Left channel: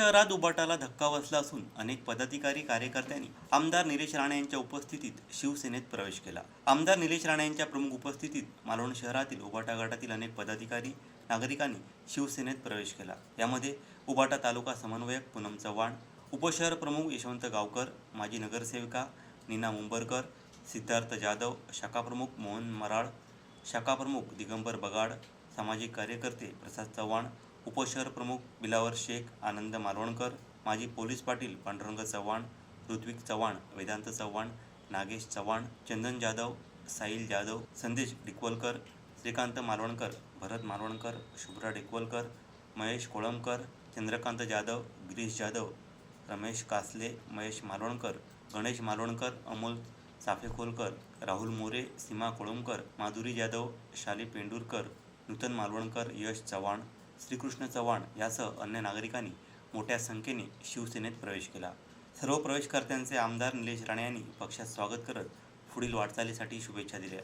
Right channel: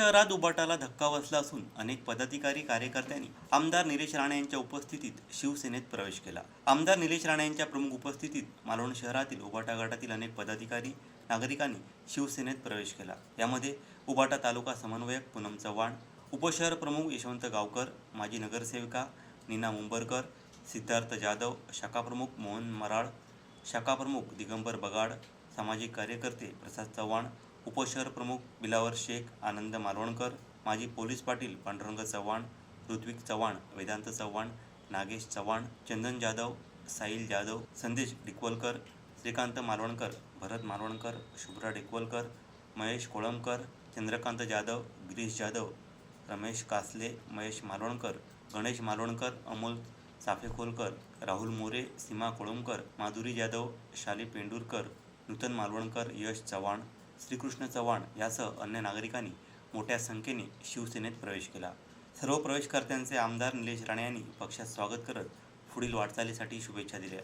शहरात उबाटाला धक्का बसला असून अनेक पदाधिकारी कार्यकर्त्यांनी आमदार निलेश राणे यांच्या उपस्थितीत शिवसेनेत प्रवेश केला. आमदार निलेश राणे यांच्या प्रमुख उपस्थितीत मालवण शहरातील उबाटा गटातील अनेक पदाधिकारी नागरिकांनी शिवसेनेत प्रवेश केला. यामध्ये उबाटा तालुका समन्वयक पूनम चव्हाण उपशहर प्रमुख यशवंत गावकर माजी नगरसेविका नीना मुंबरकर सिद्धार्थ जाधव शाखाप्रमुख मोहन मराळ शाखाप्रमुख दिगंबर बगाड सामाजिक कार्यकर्ते प्रसाद चव्हाण उपशहर प्रमुख बिलावर शेख आनंद मालवणकर माजी पोलीस पाटील पांडुरंग चव्हाण ऋत्विक चव्हाण वेदांत चव्हाण नागेश चव्हाण चंदन जाधव साहिल जाधव संदेश डिकवलकर श्रीकांत मालवणकर भरत मालवणकर शुभ्रा डिकवलकर महेश कोळंबकर चंद्रकांत जाधव गिरीश जाधव रमेश कासले महेश मालवणकर गणेश मालवणकर अमोल साफेखोलकर राहुल मोरे सीमा कोळंबकर माधुरी जाधव शाली पेंडुरकर नूतन मालवणकर यश चव्हाण श्रीकृष्ण चव्हाण यासह अन्य नागरिकांनी मोठ्या संख्येने शिवसेनेत प्रवेश केला. सर्व प्रवेशकर्त्यांचे आमदार निलेश राणे यांनी पक्षात स्वागत करत पुढील वाटचालीसाठी शुभेच्छा दिल्या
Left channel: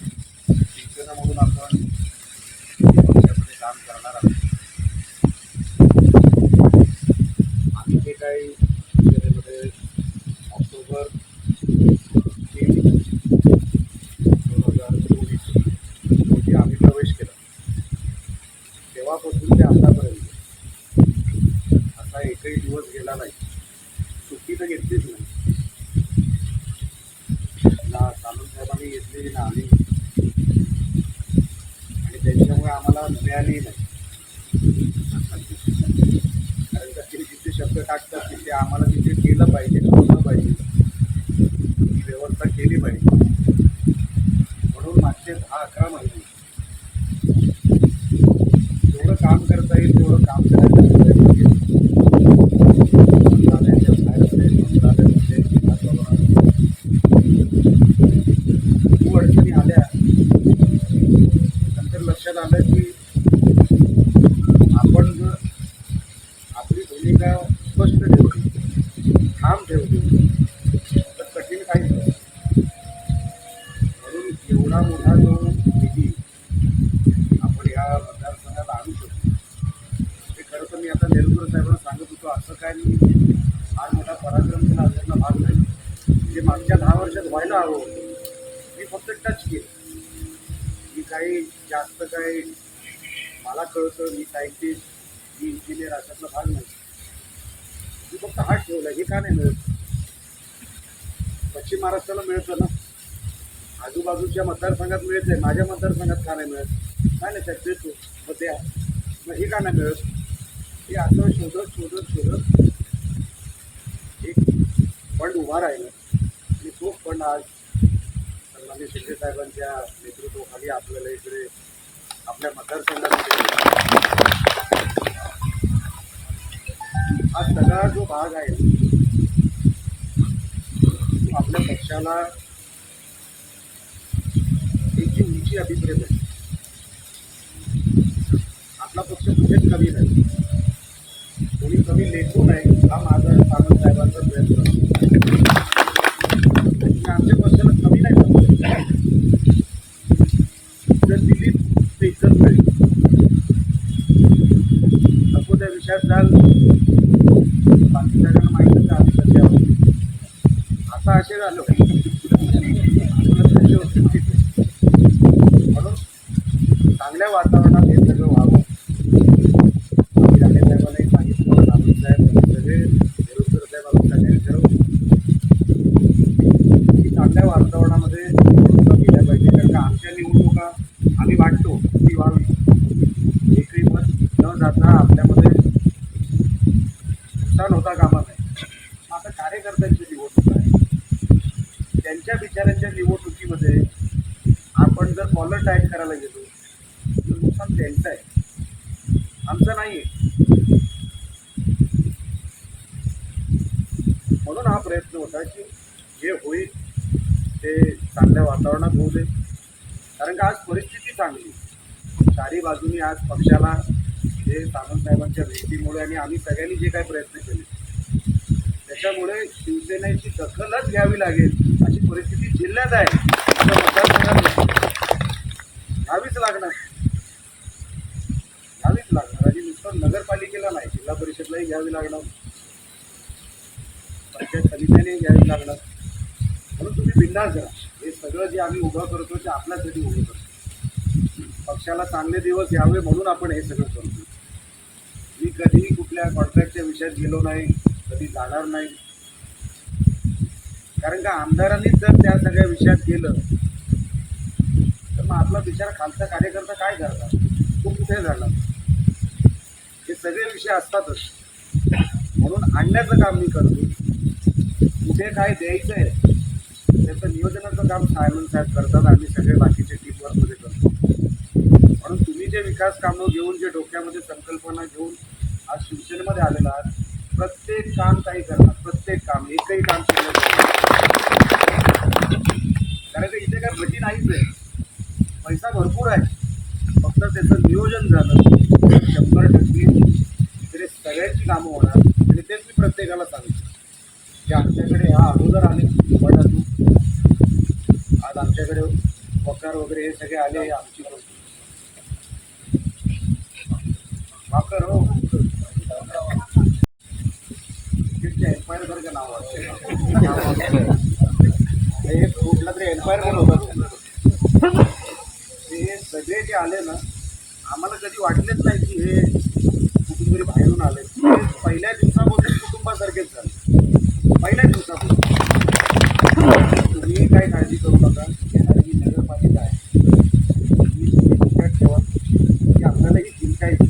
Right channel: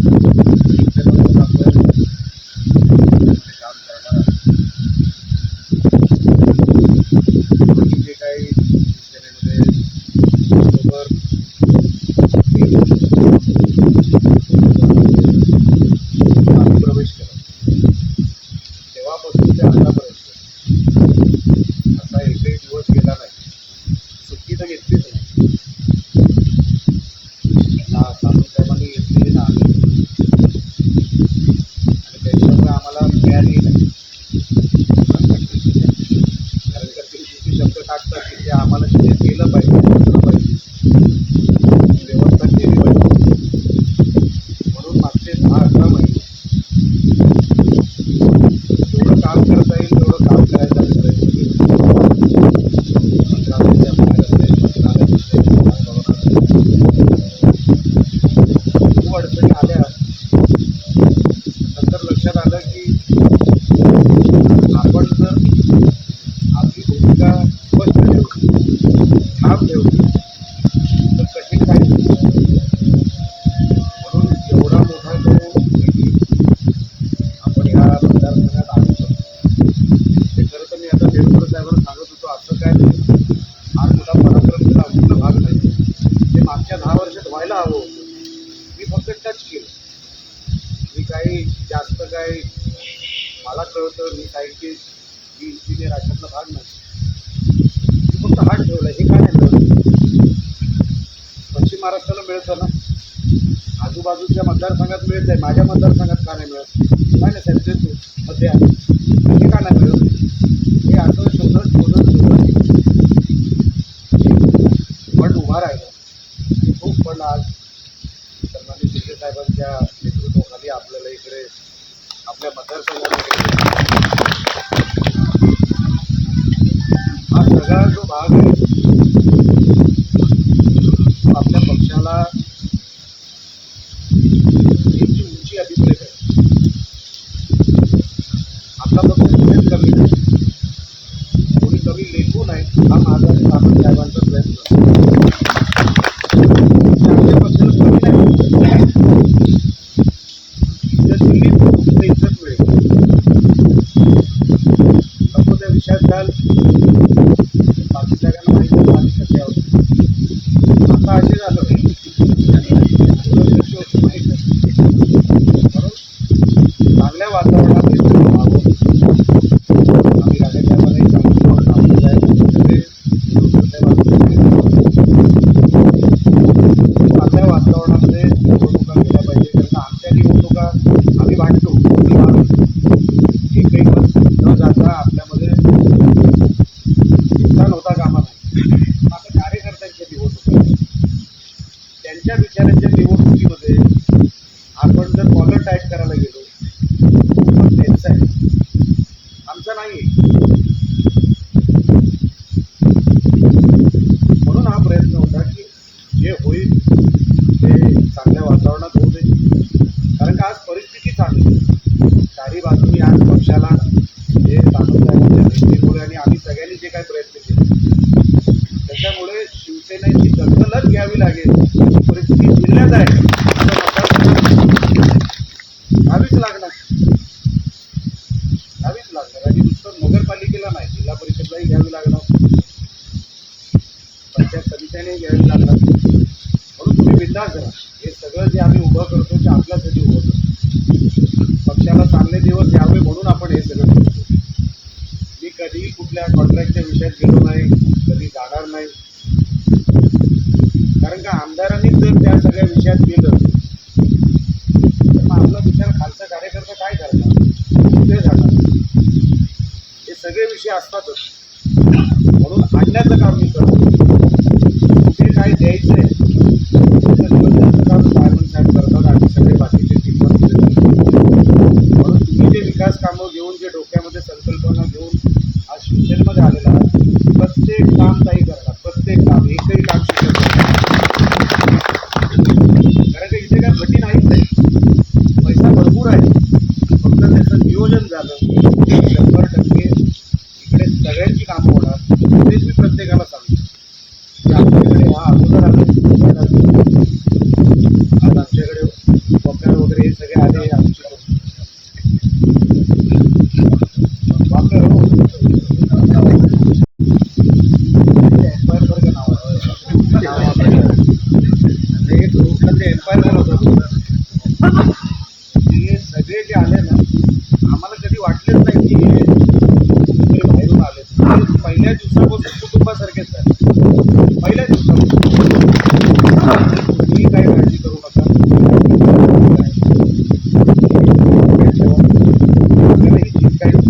शिक्षणातून आपण मध्ये काम करणार आहोत आम्ही जे काही शिवसेनेमध्ये ऑक्टोबर तीन दोन हजार चोवीस हे आम्ही प्रवेश केला तेव्हापासून ते आतापर्यंत असा एकही दिवस गेला नाही सुट्टी तर घेतलीच नाही ना साहेबांनी घेतली ना आम्ही आणि त्याच्यामुळे आम्हाला मिळाली नाही कारण का ते जिथे शब्द टाकतात की ते आम्हाला तिथे केलं पाहिजे पोचलं पाहिजे ती व्यवस्था केली पाहिजे म्हणून मागचे दहा अकरा महिने जेवढं काम करता येईल तेवढं काम करायचा मी प्रयत्न केला मंत्रालयाच्या बाहेर असेल मंत्रालयात असेल विधानभवनात असेल खूप अडचणी आल्या नंतर लक्षात आलं की आपण जर आपली भूमिका स्पष्ट ठेवली ठाम तर कठीण काही म्हणून एवढा मोठा जो निधी आपण ह्या मतदारसंघात आणू शकतो. ते खरं तर मी आता देवेंद्र साहेबांना सांगत होतो असं काय नाही. फार मोठा पराक्रम केला अशातला भाग नाही. ते मागच्या दहा वर्षात व्हायला हवं होतं मी फक्त टच केलं. मी काही जास्त काही मला कळतं मी सायंटिस्ट मी इंजिनियर अशातला भाग नाही. हात ठेवला हे का नाही मिळत. पश्चिम महाराष्ट्राला मिळतं ना. आजूबाजूच्या मतदारसंघात मिळत आहे माझ्या मतदारसंघात का नाही मिळत? काय नाही साहेब देतो. मग द्या. हे का नाही मिळत? हे असं शोधत शोधत शोधत. फंड उभा राहिला. आणि तो फंड आज सन्माननीय शिंदे साहेबांच्या नेतृत्वाखाली आपल्याला इकडे आपल्या मतदारसंघामध्ये हा सगळा जो भाग आहे तो आपल्या पक्षाला जी उंची अभिप्रेत आहे. आपला पक्ष कुठेच कमी नाही. कोणी कमी लेखू नाही हा माझा सामंत साहेबांचा प्रयत्न की आमच्या पक्षाला कमी नाही इज्जत दिली तर इज्जत मिळेल नको त्या विषयात जाल बाकी सगळ्यांना माहितीच आहे आम्ही कसे आहोत आता असे झालं तुला कशी होती माहीत नाही म्हणून चांगल्या वातावरणात हे सगळं व्हावं आम्ही राणे साहेबांनाही सांगितलं होतं आम्ही साहेब सगळे देवकर साहेब आम्ही सगळे चांगल्या वातावरणामध्ये निवडणुका गेल्या पाहिजे कारण का आमच्या निवडणुका आम्ही वाटतो ती व्हावी एकही मत न जाता आपल्यामध्ये नुकसान होता कामा नाही आता कार्यकर्त्यांच्या निवडणुका आहेत. त्यांच्या विचारांच्या निवडणुकीमध्ये आपण जर कॉलर टाईट करायला गेलो पण त्यांचा आहे. आमचा नाही आहे म्हणून हा प्रयत्न होता की जे होईल ते चांगल्या वातावरणात होऊ दे. कारण का आज परिस्थिती चांगली चारी बाजूनी आज पक्षाला हे सामंत साहेबांच्या भेटीमुळे आणि आम्ही सगळ्यांनी जे काही प्रयत्न केले शिवसेनेची दखलच घ्यावी लागेल. अशी परिस्थिती जिल्ह्यात आहे. असं मतदारसंघात घ्यावीच लागणार. घ्यावीच लागणार. आणि नुसतं नगरपालिकेला नाही जिल्हा परिषदलाही घ्यावी लागणार. पंचायत समित्याने घ्यावी लागणार. म्हणून तुम्ही बिंदास करा हे सगळं जे आम्ही उभं करतो ते आपल्यासाठी उभं करतो. पक्षाला चांगले दिवस यावे म्हणून आपण हे सगळं करतो. मी कधीही कुठल्या कॉन्ट्रॅक्टच्या विषयात गेलो नाही कधी जाणार नाही. कारण का आमदारांनीच जर त्या सगळ्या विषयात गेलं तर मग आपला विचार खालचा कार्यकर्ता काय करणार? कुठे जाणार? हे सगळे विषय असतातच. म्हणून आणण्याचं काम मी करतो. कुठे काय द्यायचं आहे त्याचं नियोजनाचं काम सायमन साहेब करतात आणि सगळे बाकीचे टीमवर म्हणून तुम्ही जे विकास कामं घेऊन जे डोक्यामध्ये संकल्पना घेऊन आज शिवसेनेमध्ये आलेला आहे प्रत्येक काम ताई करणार प्रत्येक काम एकही काम शिकत कारण का इथे काय भटी नाहीच आहे पैसा भरपूर आहे. फक्त त्याचं नियोजन झालं. शंभर टक्के इकडे सगळ्यांची कामं होणार. तेच मी प्रत्येकाला सांगतो. की आमच्याकडे हा अगोदर आले. आज आमच्याकडे पगार वगैरे हे सगळे आले. आमची आहे हे ग्रुपला ते एम्पायर म्हणत होतं ते सगळे जे आले ना आम्हाला कधी वाटलेच नाही की हे कुठेतरी बाहेरून आले ते पहिल्या दिवसापासून कुटुंबासारखेच झाले. पहिल्या दिवसापासून तुम्ही काय काळजी करू नका काय ठेवा आपल्याला ही जिंकायची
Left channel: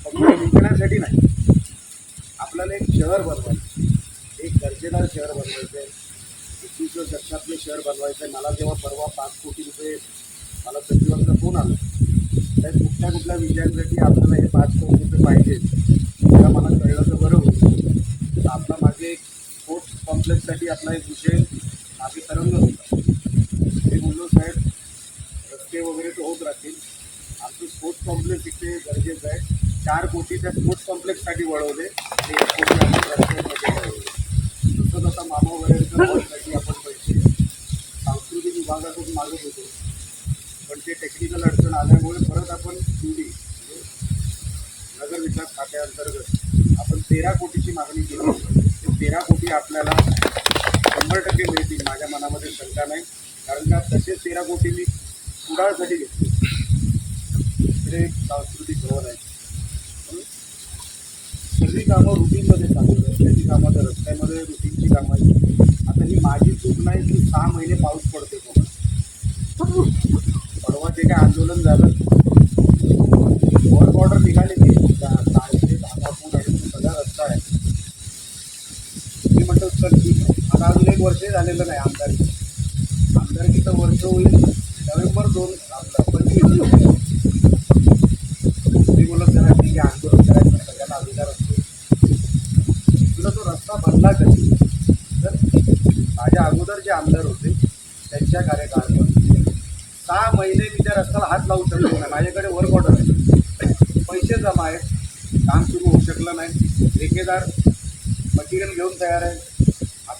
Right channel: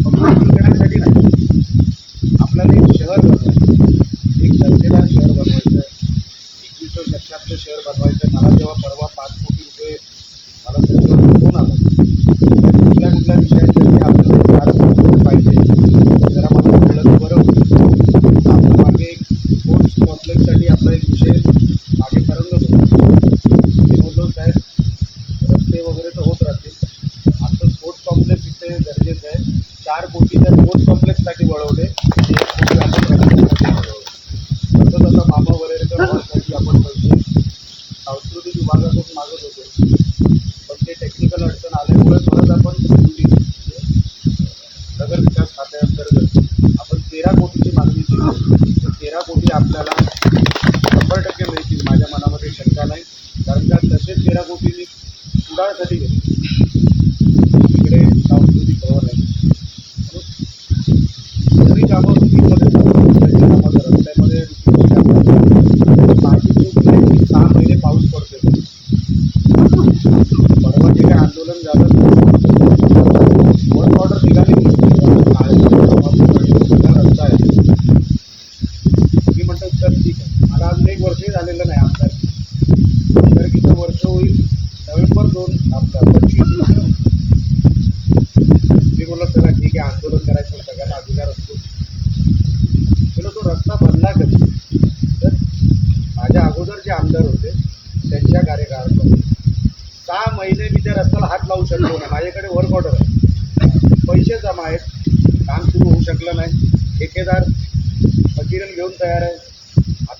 फक्त जिंकण्यासाठी नाही आपल्याला एक शहर बनवायचं एक दर्जेदार शहर बनवायचं एकविसव्या शतकातलं शहर बनवायचं आहे मला तेव्हा परवा पाच कोटी रुपये मला सचिवांचा फोन आला. त्या कुठल्या कुठल्या विषयांसाठी आपल्याला हे पाच कोटी रुपये पाहिजे जरा मला कळलं तर बरं होतं. तर आपलं मागे एक स्पोर्ट्स कॉम्प्लेक्ससाठी आपला एक विषय मागे ठरवलं होतं. ते बोललो साहेब रस्ते वगैरे तर होत राहतील. आमचं स्पोर्ट्स कॉम्प्लेक्स इथे गरजेचं आहे. चार कोटी त्या स्पोर्ट्स कॉम्प्लेक्ससाठी वळवले. ते एक कोटी आपण रस्त्यांमध्ये वळवले तसंच आता मामा वगैरेकर हॉलसाठी आपण पैसे सांस्कृतिक विभागाकडून मागत होतो पण ते टेक्निकल अडचण आल्यामुळे परत आपण दिली म्हणजे नगर विकास खात्याअंतर्गत आपण तेरा कोटीची मागणी केली ते तेरा कोटी आपल्याला शंभर टक्के मिळतील माझ्या मनामध्ये शंका नाही. कारण का तसेच तेरा कोटी मी कुडाळसाठी घेतले. तिकडे सांस्कृतिक भवन आहे. म्हणून सगळी कामं रुटीनमध्ये चालू कामं रस्त्यामध्ये रुटीनची कामं आणि माझी चूक नाही की सहा महिने पाऊस पडते परवा जे काय आंदोलन झालं वर्क ऑर्डर निघाली नाही सगळा रस्ता आहे मी म्हणतो सर ठीक आहे मला अजून एक वर्षही नाही आमदारकी आमदारकीचं वर्ष होईल नोव्हेंबर दोन आपलं पंचवीस. मी बोलत चला ठीक आहे आंदोलन करायचं सगळ्यांना अधिकार असतो. तुला तो रस्ता बनला कधी? तर माझ्या अगोदर जे आमदार होते त्यांच्या कार्यकाळामध्ये सहा महिने मी त्या रस्त्याला हात लावू शकलो नाही. माझ्याकडे वर्क ऑर्डर आहे. पैसे जमा आहेत. काम सुरू होऊ शकलं नाही. ठेकेदार मटेरियल घेऊन तयार आहे.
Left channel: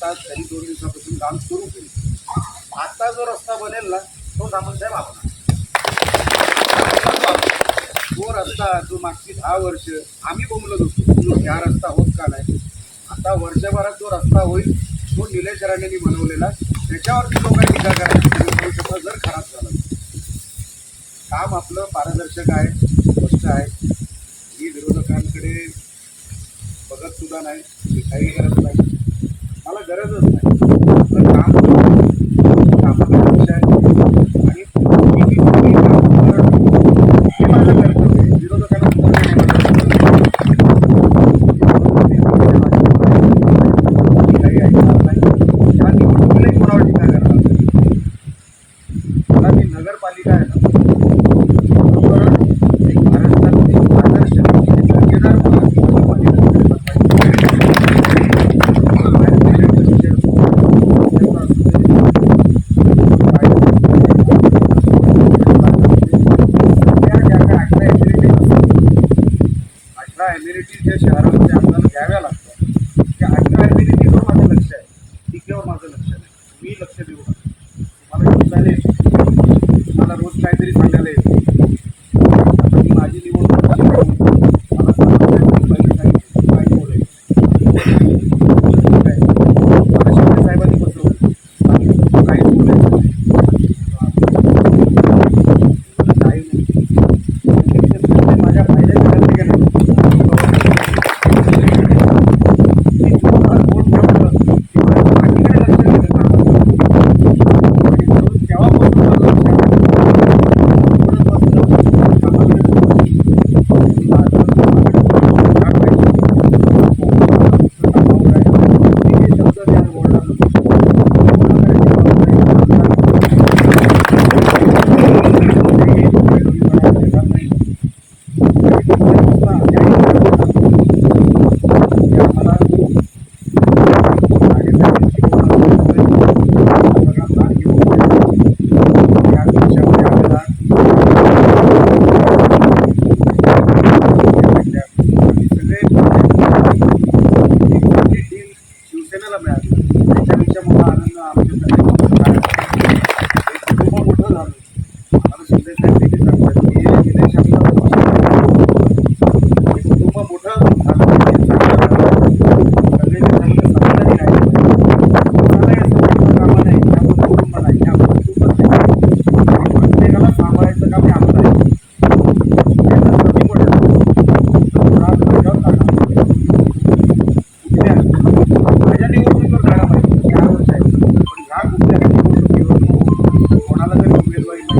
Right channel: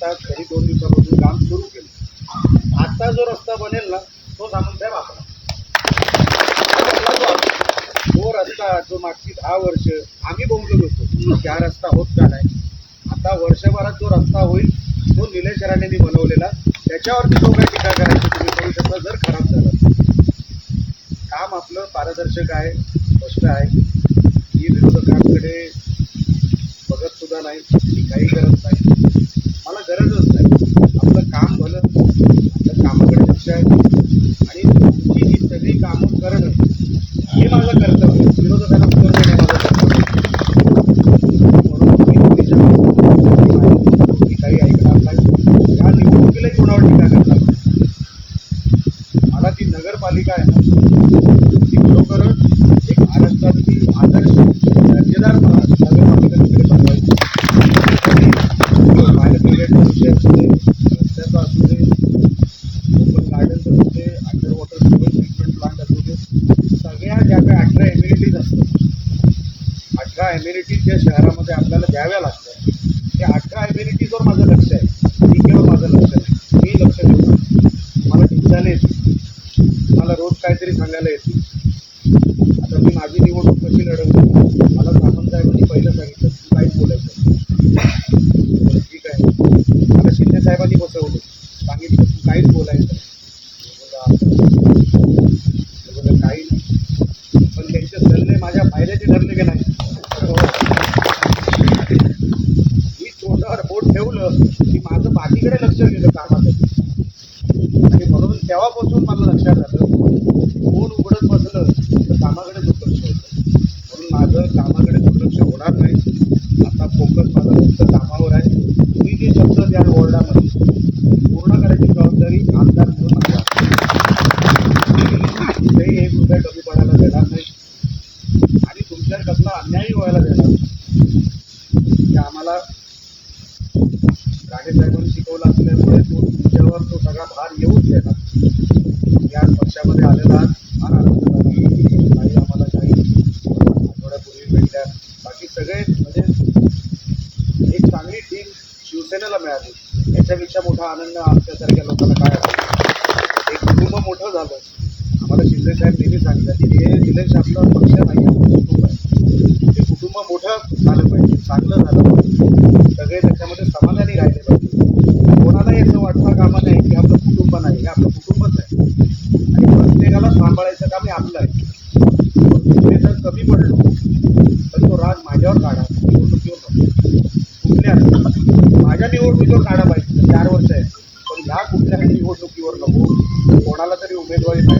आता तरी दोन दिवसापासून काम सुरू केलं. आता जो रस्ता बनेल ना तो सामंतसाहेब आपला तो रस्ता जो मागची दहा वर्ष आम्ही बोंबलत होतो त्या रस्ता होत का नाही? आता वर्षभरात जो रस्ता होईल तो निलेश राणेंनी बनवलेला. त्याच्यावरती जो काही टीका करायची तुम्ही करू शकता जर खराब झाला काम आपलं पारदर्शक आहे स्पष्ट आहे. ही विरोधकांकडे बघत सुद्धा नाही काही गरज नाही. मला गरजच नाही. आपलं काम everybody. Bye.